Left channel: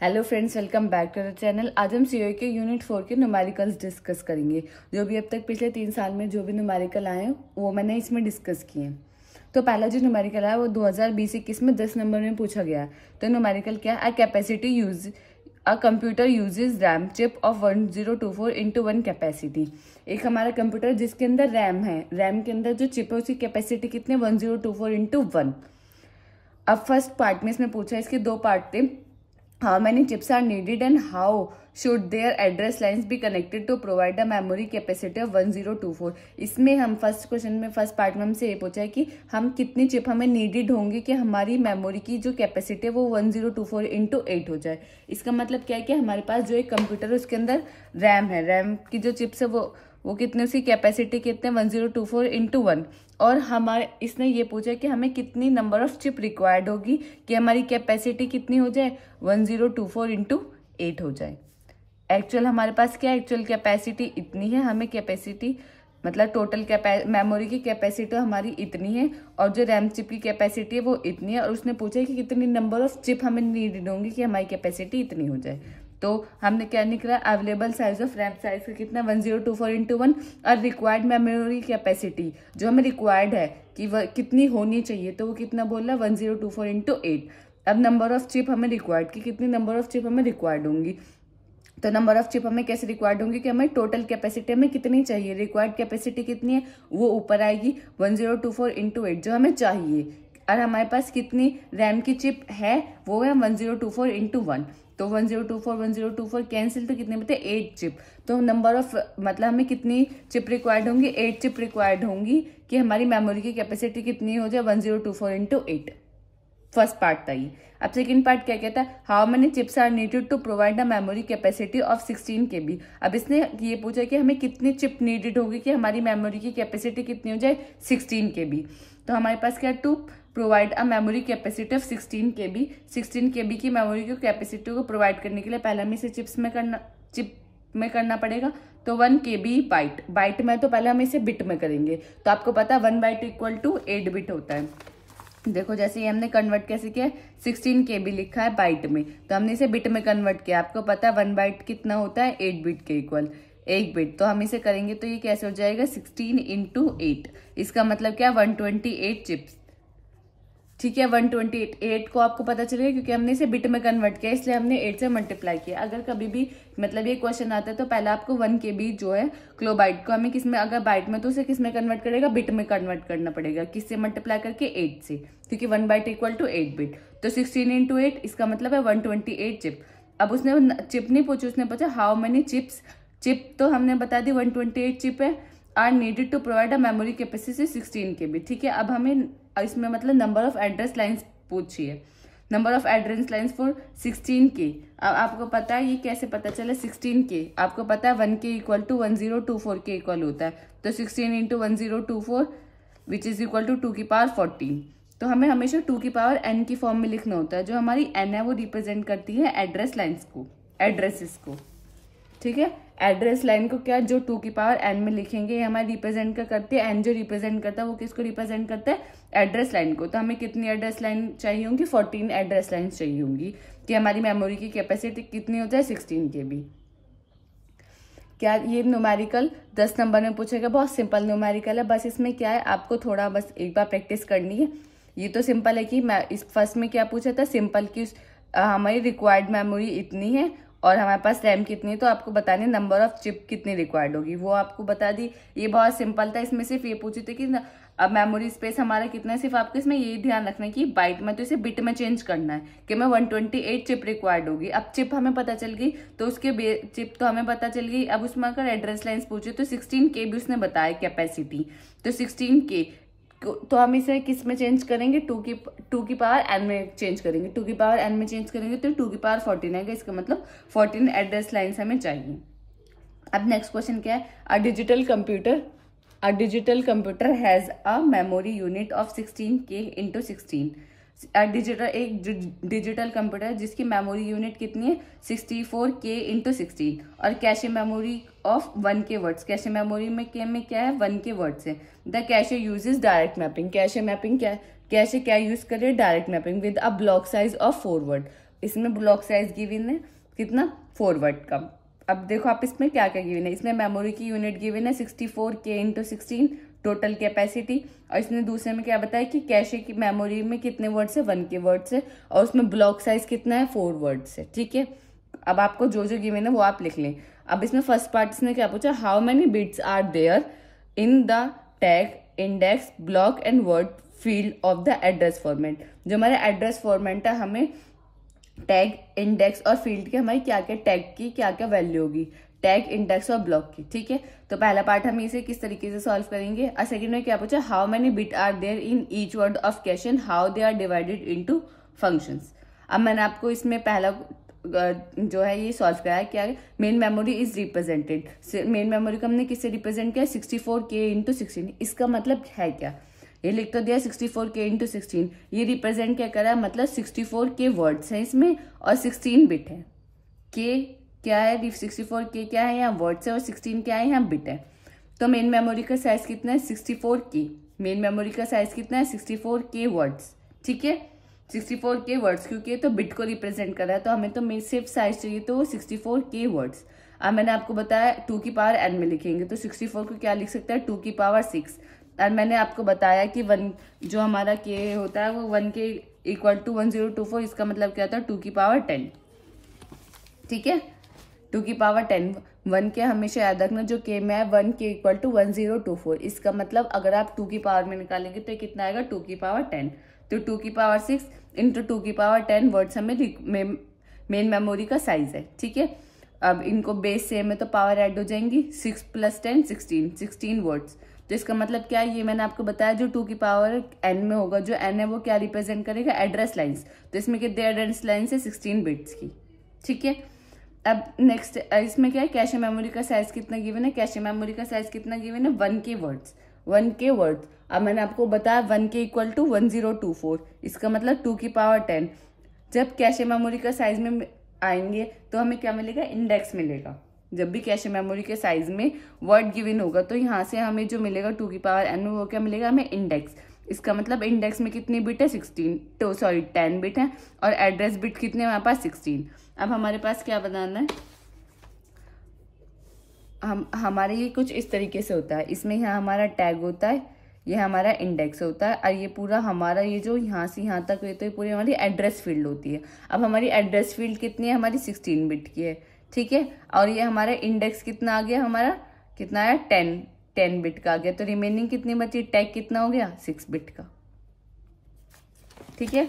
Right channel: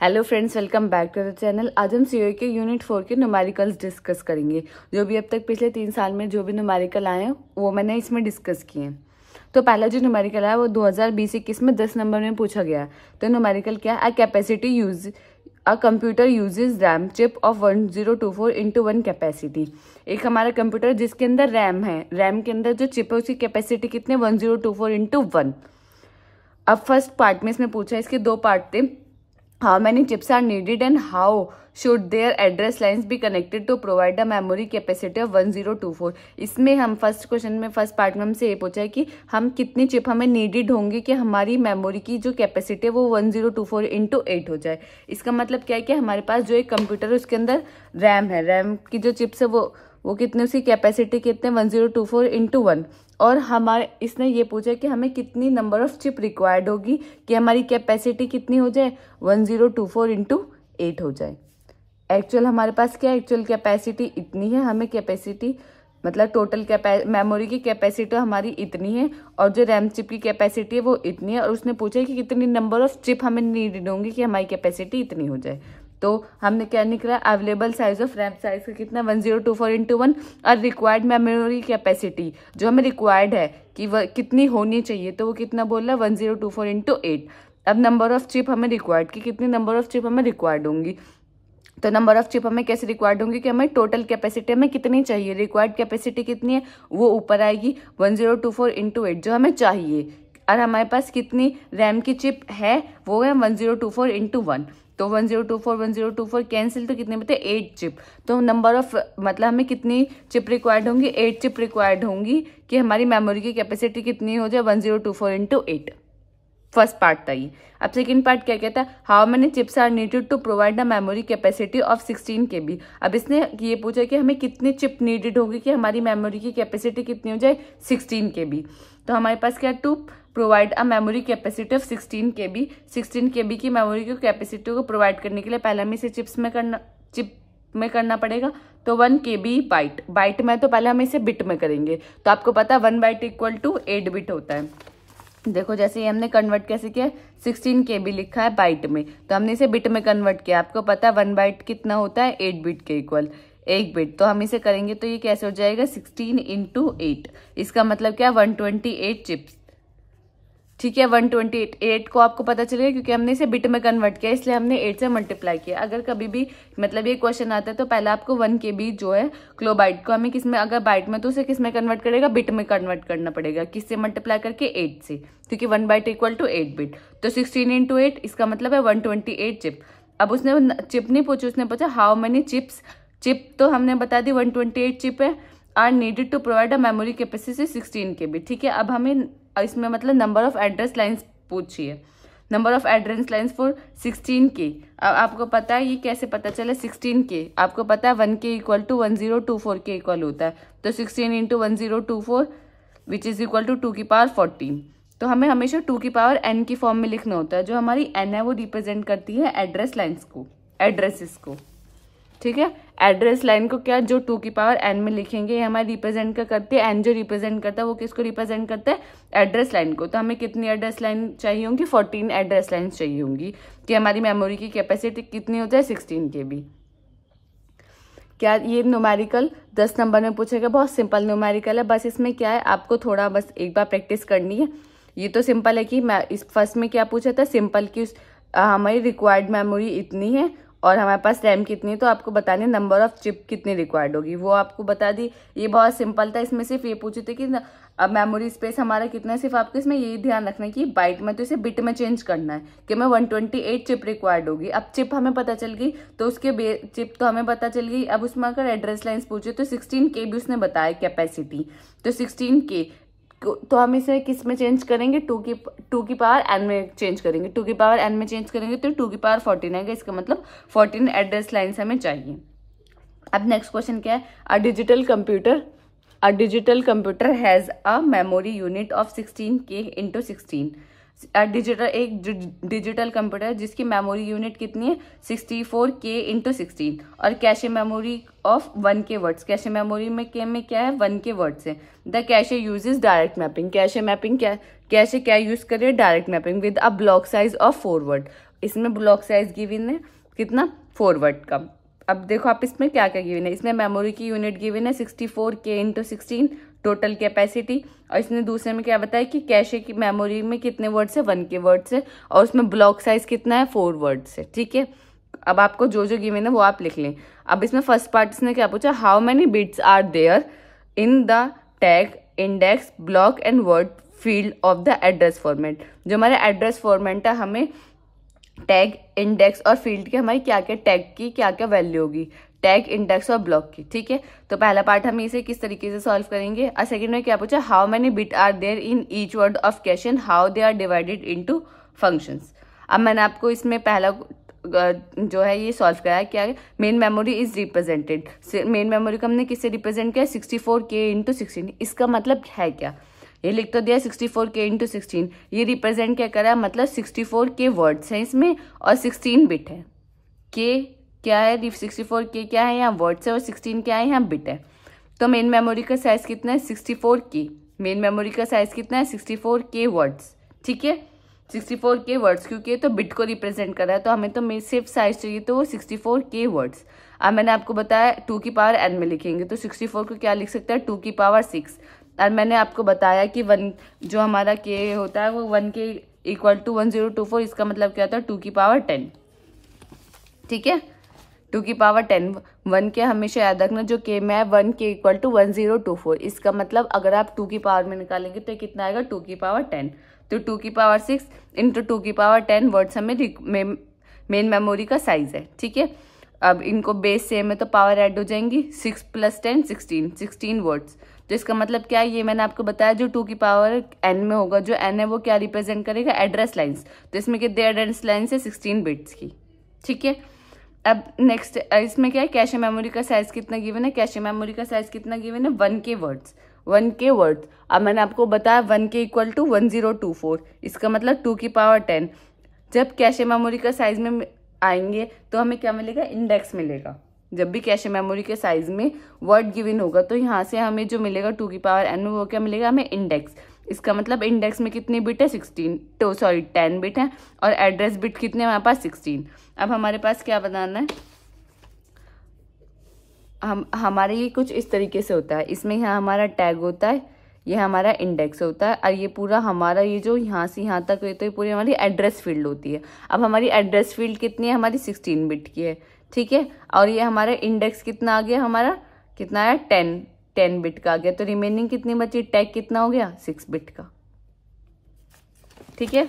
Hello friends, welcome back to the channel. आज हम COE के यूनिट 4 के न्यूमेरिकल्स डिस्कस करेंगे। जो भी अब तक पिछले 3 साल में जो भी न्यूमेरिकल आए हैं वो मैंने इसमें डिस्कस किए हैं। तो पहला जो न्यूमेरिकल है वो 2020-21 में 10 नंबर में पूछा गया है। तो न्यूमेरिकल क्या है? A computer uses RAM chip of 1024 into 1 capacity. एक हमारा कंप्यूटर जिसके अंदर रैम है, रैम के अंदर जो चिप है उसकी कैपेसिटी कितनी? 1024 इंटू 1। अब फर्स्ट पार्ट में इसने पूछा, इसके 2 पार्ट थे। How many chips are needed and how should their address lines be connected to provide a memory capacity of 1024? इसमें हम फर्स्ट क्वेश्चन में फर्स्ट पार्ट में हमसे ये पूछा है कि हम कितनी चिप हमें नीडेड होंगे कि हमारी मेमोरी की जो कैपेसिटी है वो 1024 इंटू 8 हो जाए। इसका मतलब क्या है कि हमारे पास जो एक कंप्यूटर है उसके अंदर रैम है, रैम की जो चिप्स है वो कितने, उसकी कैपेसिटी कितने? 1024 इंटू 1। और हमारे इसने ये पूछा कि हमें कितनी नंबर ऑफ चिप रिक्वायर्ड होगी कि हमारी कैपेसिटी कितनी हो जाए? 1024 इंटू 8 हो जाए। एक्चुअल हमारे पास क्या है? एक्चुअल कैपेसिटी इतनी है, हमें कैपेसिटी मतलब टोटल मेमोरी की कैपेसिटी हमारी इतनी है और जो रैम चिप की कैपेसिटी है वो इतनी है। और उसने पूछा कि कितनी नंबर ऑफ चिप हमें नीडेड होंगी कि हमारी कैपेसिटी इतनी हो जाए। तो हमने क्या निकला? Available size of RAM size का कितना? 1024 इंटू 1। और रिक्वायर्ड मेमोरी कैपेसिटी जो हमें रिक्वायर्ड है कि वह कितनी होनी चाहिए, तो वो कितना बोल रहा है? 1024 इंटू 8। अब नंबर ऑफ चिप हमें रिक्वायर्ड कि कितनी नंबर ऑफ चिप हमें रिक्वायर्ड होंगी। तो नंबर ऑफ चिप हमें कैसे रिक्वायर्ड होंगी कि हमें टोटल कैपेसिटी हमें कितनी चाहिए, रिक्वायर्ड कैपेसिटी कितनी है वो ऊपर आएगी 1024 इंटू 8 जो हमें चाहिए। और हमारे पास कितनी रैम की चिप है वो है 1024 इंटू 1। तो 1024 कैंसिल, तो कितने बचे? 8 चिप। तो नंबर ऑफ मतलब हमें कितनी चिप रिक्वायर्ड होंगी? 8 चिप रिक्वायर्ड होंगी कि हमारी मेमोरी की कैपेसिटी कितनी हो जाए? 1024 इंटू 8। फर्स्ट पार्ट था ये। अब सेकंड पार्ट क्या कहता है? How many chips are needed to provide a memory capacity of 16 KB। अब इसने ये पूछा कि हमें कितनी चिप नीडेड होगी कि हमारी मेमोरी की कैपेसिटी कितनी हो जाए? 16 KB। तो हमारे पास क्या? To provide a memory capacity of 16 KB। 16 KB की मेमोरी की कैपेसिटी को प्रोवाइड करने के लिए पहले हमें इसे चिप में करना पड़ेगा। तो 1 KB बाइट में, तो पहले हम इसे बिट में करेंगे। तो आपको पता है 1 बाइट इक्वल टू 8 बिट होता है। देखो जैसे ये हमने कन्वर्ट कैसे किया, 16 KB लिखा है बाइट में, तो हमने इसे बिट में कन्वर्ट किया। आपको पता है 1 बाइट कितना होता है? 8 बिट के इक्वल 1 बिट। तो हम इसे करेंगे तो ये कैसे हो जाएगा? 16 इंटू 8। इसका मतलब क्या? 128 चिप्स। ठीक है, 128 को आपको पता चलेगा क्योंकि हमने इसे बिट में कन्वर्ट किया, इसलिए हमने 8 से मल्टीप्लाई किया। अगर कभी भी मतलब ये क्वेश्चन आता है तो पहले आपको 1 KB जो है किलोबाइट को हमें किसमें, अगर बाइट में तो उसे किसमें कन्वर्ट करेगा? बिट में कन्वर्ट करना पड़ेगा। किससे मल्टीप्लाई करके? 8 से, क्योंकि 1 बाइट इक्वल टू 8 बिट। तो 16 इंटू 8 इसका मतलब है 128 चिप। अब उसने चिप नहीं पूछी, उसने पूछा हाउ मेनी चिप्स। चिप तो हमने बता दी 128 चिप है। Are needed to provide a memory capacity 16 KB। ठीक है, अब हमें इसमें मतलब नंबर ऑफ एड्रेस लाइन्स पूछी है। Number of address lines for 16 K। अब आपको पता है ये कैसे पता चला? 16 K आपको पता है 1 K इक्वल टू 1024 के इक्वल होता है। तो 16 into 1024 which is equal to 2 की पावर 14। तो हमें हमेशा 2 की पावर n की फॉर्म में लिखना होता है। जो हमारी n है वो रिप्रेजेंट करती है एड्रेस लाइन्स को, एड्रेसेस को। ठीक है, एड्रेस लाइन को क्या, जो 2 की पावर n में लिखेंगे, ये हमारे रिप्रेजेंट क्या करती है? n जो रिप्रेजेंट करता है वो किसको रिप्रेजेंट करता है? एड्रेस लाइन को। तो हमें कितनी एड्रेस लाइन चाहिए होंगी? 14 एड्रेस लाइन चाहिए होंगी कि हमारी मेमोरी की कैपेसिटी कितनी हो जाए? 16 KB। क्या ये न्यूमेरिकल 10 नंबर में पूछेगा? बहुत सिंपल न्यूमेरिकल है। बस इसमें क्या है, आपको थोड़ा बस एक बार प्रैक्टिस करनी है। ये तो सिंपल है कि मैं इस फर्स्ट में क्या पूछा था? सिंपल की हमारी रिक्वायर्ड मेमोरी इतनी है और हमारे पास रैम कितनी है, तो आपको बताने नंबर ऑफ चिप कितनी रिक्वायर्ड होगी, वो आपको बता दी। ये बहुत सिंपल था। इसमें सिर्फ ये पूछे थे कि अब मेमोरी स्पेस हमारा कितना है। सिर्फ आपको इसमें यही ध्यान रखना है कि बाइट में तो इसे बिट में चेंज करना है कि हमें 128 चिप रिक्वायर्ड होगी। अब चिप हमें पता चल गई तो उसके चिप तो हमें पता चल गई। अब उसमें अगर एड्रेस लाइन्स पूछे तो 16 KB उसने बताया कैपेसिटी। तो 16 K तो हम इसे किस में चेंज करेंगे? 2 की पावर n में चेंज करेंगे। 2 की पावर n में चेंज करेंगे तो 2 की पावर 14 आएगा। इसका मतलब 14 एड्रेस लाइन्स हमें चाहिए। अब नेक्स्ट क्वेश्चन क्या है? A digital computer has a memory unit of 16 K into 16। एक डिजिटल कंप्यूटर जिसकी मेमोरी यूनिट कितनी है? 64 K इंटू 16। और cache memory of 1 K words. Cache memory में क्या है? 1 K वर्ड्स है। The cache uses direct mapping. Cache mapping क्या यूज करे? Direct mapping with a block size of 4 word. इसमें ब्लॉक साइज गिवन है कितना 4 वर्ड का। अब देखो आप इसमें क्या क्या गिवन है, इसमें मेमोरी की यूनिट गिवन है 64K × 16 टोटल कैपेसिटी, और इसने दूसरे में क्या बताया कि कैशे की मेमोरी में कितने वर्ड्स है 1 के वर्ड्स है, और उसमें ब्लॉक साइज कितना है 4 वर्ड्स है। ठीक है, अब आपको जो जो गिवन है वो आप लिख लें। अब इसमें फर्स्ट पार्ट इसने क्या पूछा, how many bits are there in the tag index block and word field of the address format. जो हमारे एड्रेस फॉर्मेट है हमें टैग इंडेक्स और फील्ड के हमारी क्या क्या टैग की क्या क्या वैल्यू होगी, टैग इंडेक्स और ब्लॉक की। ठीक है, तो पहला पार्ट हम इसे किस तरीके से सॉल्व करेंगे। और सेकंड में क्या पूछा, how many bit are there in each word of cache and how they are divided into functions. अब मैंने आपको इसमें पहला जो है ये सॉल्व कराया, क्या है main memory is represented. Main memory को हमने किससे रिप्रेजेंट किया 64K × 16। इसका मतलब है क्या, ये लिख तो दिया 64K × 16, ये रिप्रेजेंट क्या करा, मतलब 64K वर्ड्स हैं इसमें और 16 बिट है। के क्या है, 64K क्या है यहाँ वर्ड्स है और 16 क्या है यहाँ बिट है। तो मेन मेमोरी का साइज कितना है 64K, मेन मेमोरी का साइज कितना है 64K वर्ड्स। ठीक है, 64K वर्ड्स, क्योंकि ये तो बिट को रिप्रेजेंट कर रहा है तो हमें तो सिर्फ साइज चाहिए तो वो 64K वर्ड्स। अब मैंने आपको बताया 2 की पावर n में लिखेंगे तो 64 को क्या लिख सकते हैं 2 की पावर 6। और मैंने आपको बताया कि 1 जो हमारा k होता है वो 1 के इक्वल टू 1024, इसका मतलब क्या होता है 2 की पावर 10। ठीक है, 2 की पावर 10, 1 के हमेशा याद रखना जो k में है 1 के इक्वल टू 1024, इसका मतलब अगर आप 2 की पावर में निकालेंगे तो कितना आएगा 2 की पावर 10। तो 2 की पावर 6 इंटू 2 की पावर 10 वर्ड्स हमें मेन मेमोरी का साइज है। ठीक है, अब इनको बेस सेम है तो पावर ऐड हो जाएंगी, 6 + 10 16 वर्ड्स। तो इसका मतलब क्या है, ये मैंने आपको बताया जो 2 की पावर n में होगा, जो n है वो क्या रिप्रेजेंट करेगा एड्रेस लाइन्स। तो इसमें कितने एड्रेस लाइन्स है 16 बिट्स की। ठीक है, अब नेक्स्ट इसमें क्या है कैशे मेमोरी का साइज कितना गिवन है, कैशे मेमोरी का साइज कितना गिवन है 1K वर्ड्स, 1K वर्ड्स। अब मैंने आपको बताया 1K इक्वल टू 1024, इसका मतलब 2 की पावर 10। जब कैशे मेमोरी का साइज में आएंगे तो हमें क्या मिलेगा इंडेक्स मिलेगा। जब भी कैशे मेमोरी के साइज में वर्ड गिवन होगा तो यहाँ से हमें जो मिलेगा 2 की पावर n में वो क्या मिलेगा हमें इंडेक्स। इसका मतलब इंडेक्स में कितनी बिट है 10 बिट है और एड्रेस बिट कितने हमारे पास 16। अब हमारे पास क्या बनाना है, हमारे ये कुछ इस तरीके से होता है, इसमें यहाँ हमारा टैग होता है, ये हमारा इंडेक्स होता है और ये पूरा हमारा ये जो यहाँ से यहाँ तक तो ये पूरी हमारी एड्रेस फील्ड होती है। अब हमारी एड्रेस फील्ड कितनी है हमारी 16 बिट की है। ठीक है, और ये हमारा इंडेक्स कितना आ गया, हमारा कितना है 10 बिट का आ गया। तो रिमेनिंग कितनी बची, टैग कितना हो गया 6 बिट का। ठीक है,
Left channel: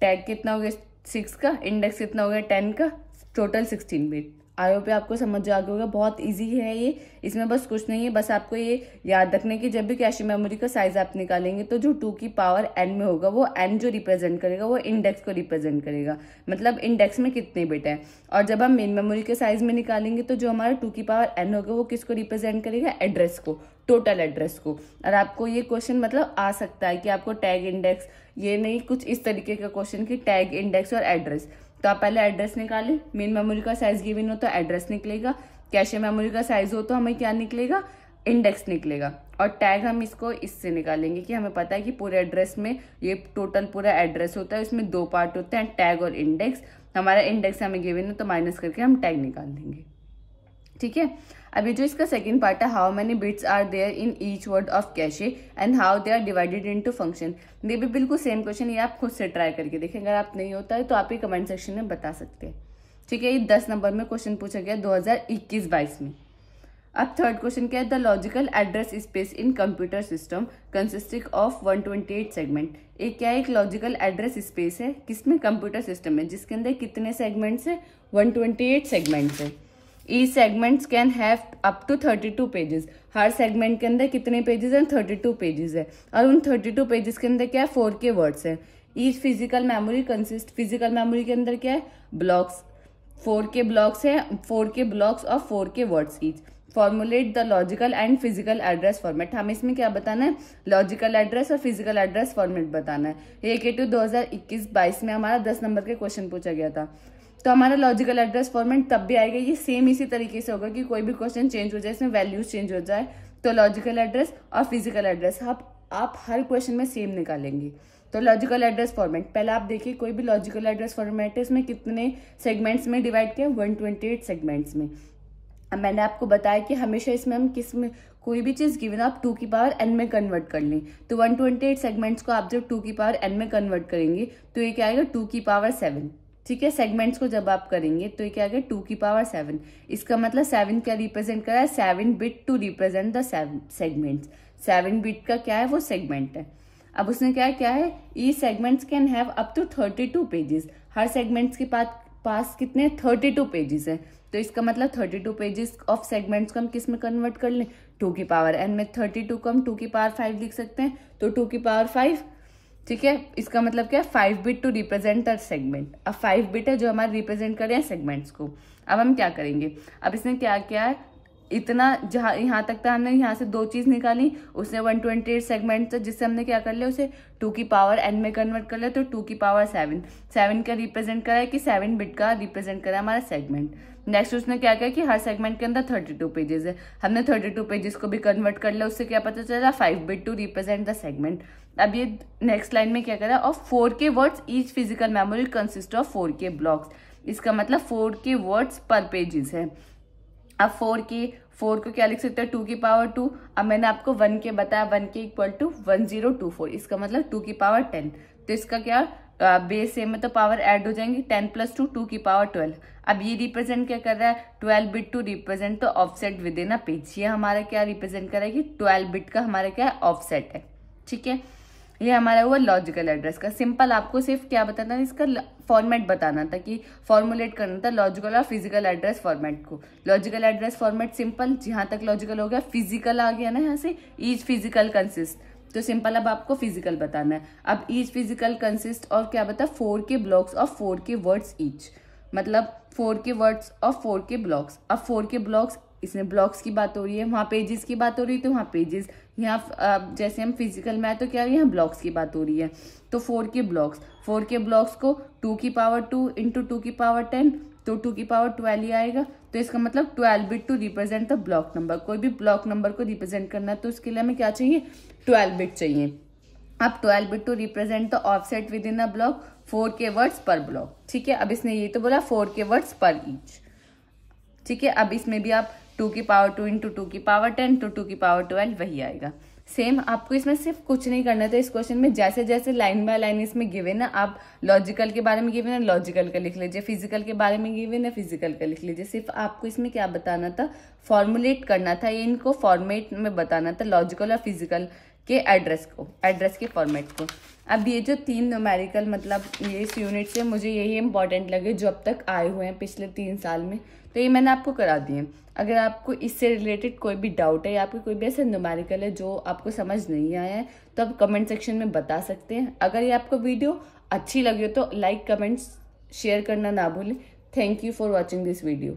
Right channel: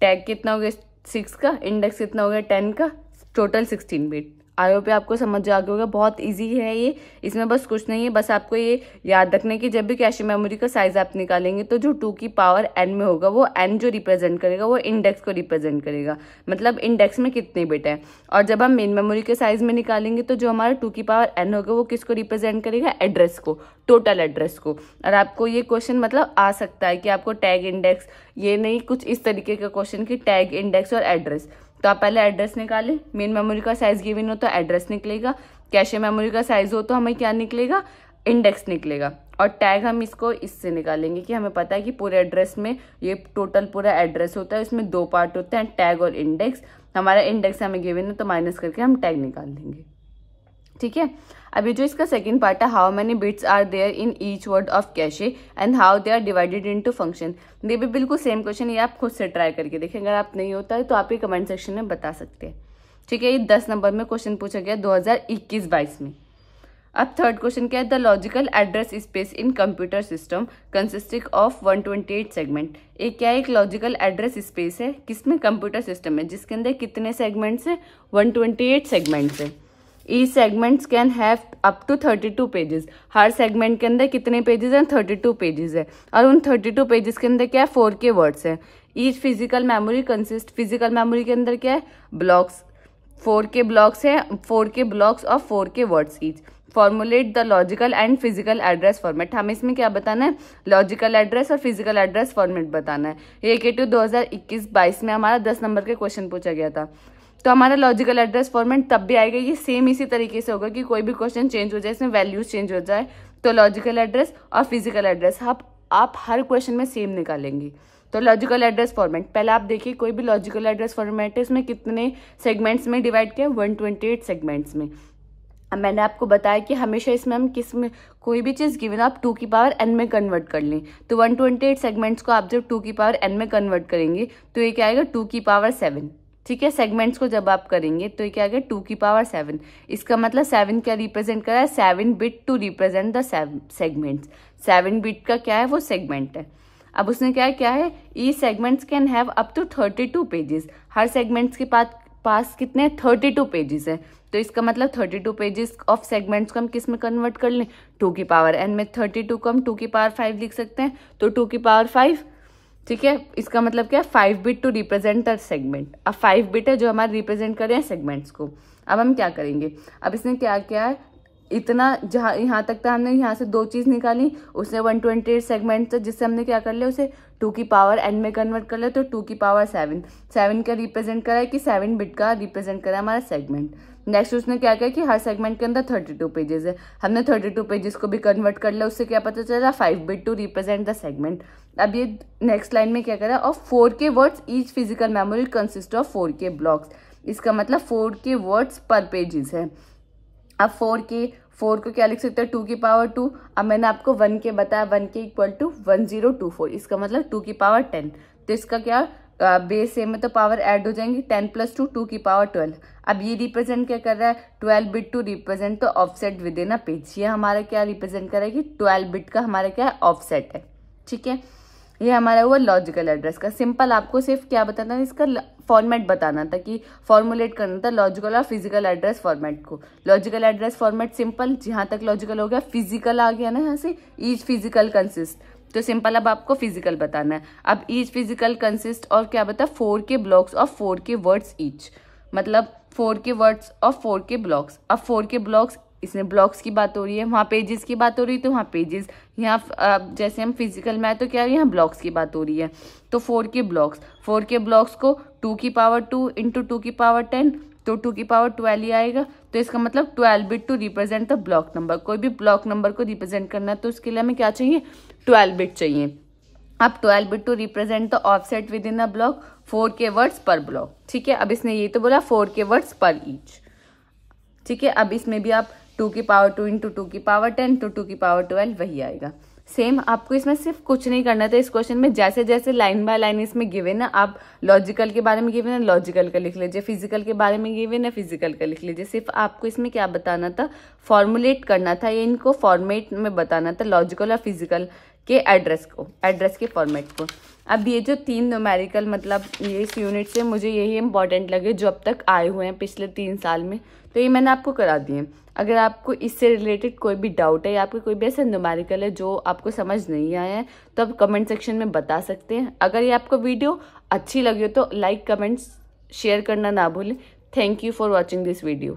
टैग कितना हो गया 6 का, इंडेक्स कितना हो गया 10 का, टोटल 16 बिट। आई होप आपको समझ आ गया होगा, बहुत इजी है ये, इसमें बस कुछ नहीं है, बस आपको ये याद रखना है कि जब भी कैशे मेमोरी का साइज आप निकालेंगे तो जो 2 की पावर n में होगा वो n जो रिप्रेजेंट करेगा वो इंडेक्स को रिप्रेजेंट करेगा, मतलब इंडेक्स में कितने बिट है। और जब हम मेन मेमोरी के साइज में निकालेंगे तो जो हमारा 2 की पावर n होगा वो किसको रिप्रेजेंट करेगा, एड्रेस को, टोटल एड्रेस को। और आपको ये क्वेश्चन मतलब आ सकता है कि आपको टैग इंडेक्स, ये नहीं कुछ इस तरीके का क्वेश्चन की टैग इंडेक्स और एड्रेस। तो आप पहले एड्रेस निकालें, मेन मेमोरी का साइज गिवन हो तो एड्रेस निकलेगा, कैशे मेमोरी का साइज हो तो हमें क्या निकलेगा इंडेक्स निकलेगा। और टैग हम इसको इससे निकालेंगे कि हमें पता है कि पूरे एड्रेस में ये टोटल पूरा एड्रेस होता है, इसमें 2 पार्ट होते हैं टैग और इंडेक्स। हमारा इंडेक्स हमें गिवन है तो माइनस करके हम टैग निकाल देंगे। ठीक है, अभी जो इसका सेकंड पार्ट है, how many bits are there in each word of cache and how they are divided into function. ये भी बिल्कुल सेम क्वेश्चन, ये आप खुद से ट्राई करके देखें, अगर आप नहीं होता है तो आप ये कमेंट सेक्शन में बता सकते हैं। ठीक है, ये 10 नंबर में क्वेश्चन पूछा गया 2021-22 में। अब थर्ड क्वेश्चन क्या है, the logical address space in computer system consisting of 128 segment. एक क्या है, एक लॉजिकल एड्रेस स्पेस है किसमें, कंप्यूटर सिस्टम में, जिसके अंदर कितने सेगमेंट्स है 128 सेगमेंट्स है। Each segments can have up to 32 pages. Her segment के अंदर कितने पेजेस हैं 32 पेजेस है और उन 32 पेजेस के अंदर क्या है 4K वर्ड्स है। Each physical memory consist, physical memory के अंदर क्या है ब्लॉक्स, 4K ब्लॉक्स है, 4K ब्लॉक्स और 4K words each. Formulate the logical and physical address format. हमें इसमें क्या बताना है, लॉजिकल एड्रेस और फिजिकल एड्रेस फॉर्मेट बताना है। ये केटू 2021-22 में हमारा 10 नंबर के क्वेश्चन पूछा गया था। तो हमारा लॉजिकल एड्रेस फॉर्मेट तब भी आएगा, ये सेम इसी तरीके से होगा कि कोई भी क्वेश्चन चेंज हो जाए, इसमें वैल्यूज चेंज हो जाए तो लॉजिकल एड्रेस और फिजिकल एड्रेस आप हर क्वेश्चन में सेम निकालेंगे। तो लॉजिकल एड्रेस फॉर्मेट, पहले आप देखिए कोई भी लॉजिकल एड्रेस फॉर्मेट है, इसमें कितने सेगमेंट्स में डिवाइड किया, 128 सेगमेंट्स में। अब मैंने आपको बताया कि हमेशा इसमें हम किस में कोई भी चीज गिवन आप 2 की पावर n में कन्वर्ट कर लें, तो 128 सेगमेंट्स को आप जब 2 की पावर n में कन्वर्ट करेंगे तो ये क्या आएगा 2 की पावर 7। ठीक है, सेगमेंट्स को जब आप करेंगे तो ये क्या आएगा 2 की पावर 7। इसका मतलब 7 क्या रिप्रेजेंट कर रहा है, 7 bit to represent the segments. 7 bit का क्या है, वो सेगमेंट है। अब उसने क्या है each segments can have up to 32 pages. हर सेगमेंट्स के पास कितने 32 पेजेस है, तो इसका मतलब 32 पेजेस ऑफ सेगमेंट्स को हम किस में कन्वर्ट कर लें, 2 की पावर n में। 32 को हम 2 की पावर 5 लिख सकते हैं, तो 2 की पावर 5। ठीक है, इसका मतलब क्या है 5 bit to represent the segment. अब 5 बिट है जो हमारे रिप्रेजेंट कर रहे हैं सेगमेंट्स को। अब हम क्या करेंगे, अब इसने क्या किया है, इतना जहाँ यहाँ तक था हमने यहाँ से 2 चीज निकाली, उसने 128 सेगमेंट था जिससे हमने क्या कर लिया, उसे 2 की पावर n में कन्वर्ट कर लिया, तो 2 की पावर 7 का रिप्रेजेंट करा है कि 7 बिट का रिप्रेजेंट करा है हमारा सेगमेंट। नेक्स्ट उसने क्या किया कि हर सेगमेंट के अंदर 32 पेजेस है, हमने 32 पेजेस को भी कन्वर्ट कर लिया, उससे क्या पता चला 5 bit to represent the segment. अब ये नेक्स्ट लाइन में क्या करा, और 4K words each physical memory consist of 4K blocks. इसका मतलब 4K वर्ड्स पर पेजेस है। अब 4 को क्या लिख सकते हैं 2 की पावर 2। अब मैंने आपको 1K बताया, 1K इक्वल टू 1024, इसका मतलब 2 की पावर 10। तो इसका क्या बेस सेम में तो पावर ऐड हो जाएंगी, 10 + 2 2 की पावर 12। अब ये रिप्रेजेंट क्या कर रहा है, 12 बिट टू रिप्रेजेंट तो offset within a page. ये हमारा क्या रिप्रेजेंट कर रहा है कि 12 बिट का हमारा क्या है ऑफसेट है। ठीक है, ये हमारा हुआ लॉजिकल एड्रेस का। सिंपल आपको सिर्फ क्या बताना था, इसका फॉर्मेट बताना था कि फॉर्मुलेट करना था लॉजिकल और फिजिकल एड्रेस फॉर्मेट को। लॉजिकल एड्रेस फॉर्मेट सिंपल, जहां तक लॉजिकल हो गया, फिजिकल आ गया ना यहाँ से, ईच फिजिकल कंसिस्ट, तो सिंपल अब आपको फिजिकल बताना है। अब ईच फिजिकल कंसिस्ट और क्या बता 4K blocks of 4K words each, मतलब 4K words of 4K blocks. अब 4K ब्लॉक्स, इसमें ब्लॉक्स की बात हो रही है, वहाँ पेजेस की बात हो रही है, तो वहाँ पेजेस, यहाँ जैसे हम फिजिकल में है तो क्या है यहाँ ब्लॉक्स की बात हो रही है। तो 4K ब्लॉक्स को 2 की पावर 2 इंटू 2 की पावर 10, तो 2 की पावर 12 ही आएगा। तो इसका मतलब 12 bit to represent the block number. कोई भी ब्लॉक नंबर को रिप्रेजेंट करना है तो उसके लिए हमें क्या चाहिए, 12 बिट चाहिए। अब 12 bit to represent the offset within a block, 4K words per block. ठीक है, अब इसने ये तो बोला 4K वर्ड्स पर ईच। ठीक है, अब इसमें भी आप 2 की पावर 2 इंटू 2 की पावर 10, तो 2 की पावर 12 वही आएगा। सेम आपको इसमें सिर्फ कुछ नहीं करना था इस क्वेश्चन में, जैसे जैसे लाइन बाय लाइन इसमें गिवन है, आप लॉजिकल के बारे में गिवन है लॉजिकल का लिख लीजिए, फिजिकल के बारे में गिवन है फिजिकल का लिख लीजिए। सिर्फ आपको इसमें क्या बताना था, फॉर्मुलेट करना था, ये इनको फॉर्मेट में बताना था लॉजिकल और फिजिकल के एड्रेस के फॉर्मेट को। अब ये जो 3 न्यूमेरिकल, मतलब ये इस यूनिट से मुझे यही इंपॉर्टेंट लगे जो अब तक आए हुए हैं पिछले 3 साल में, तो ये मैंने आपको करा दिए। अगर आपको इससे रिलेटेड कोई भी डाउट है या आपको कोई भी ऐसा न्यूमेरिकल है जो आपको समझ नहीं आया है, तो आप कमेंट सेक्शन में बता सकते हैं। अगर ये आपको वीडियो अच्छी लगी हो तो लाइक, कमेंट्स, शेयर करना ना भूलें। Thank you for watching this video.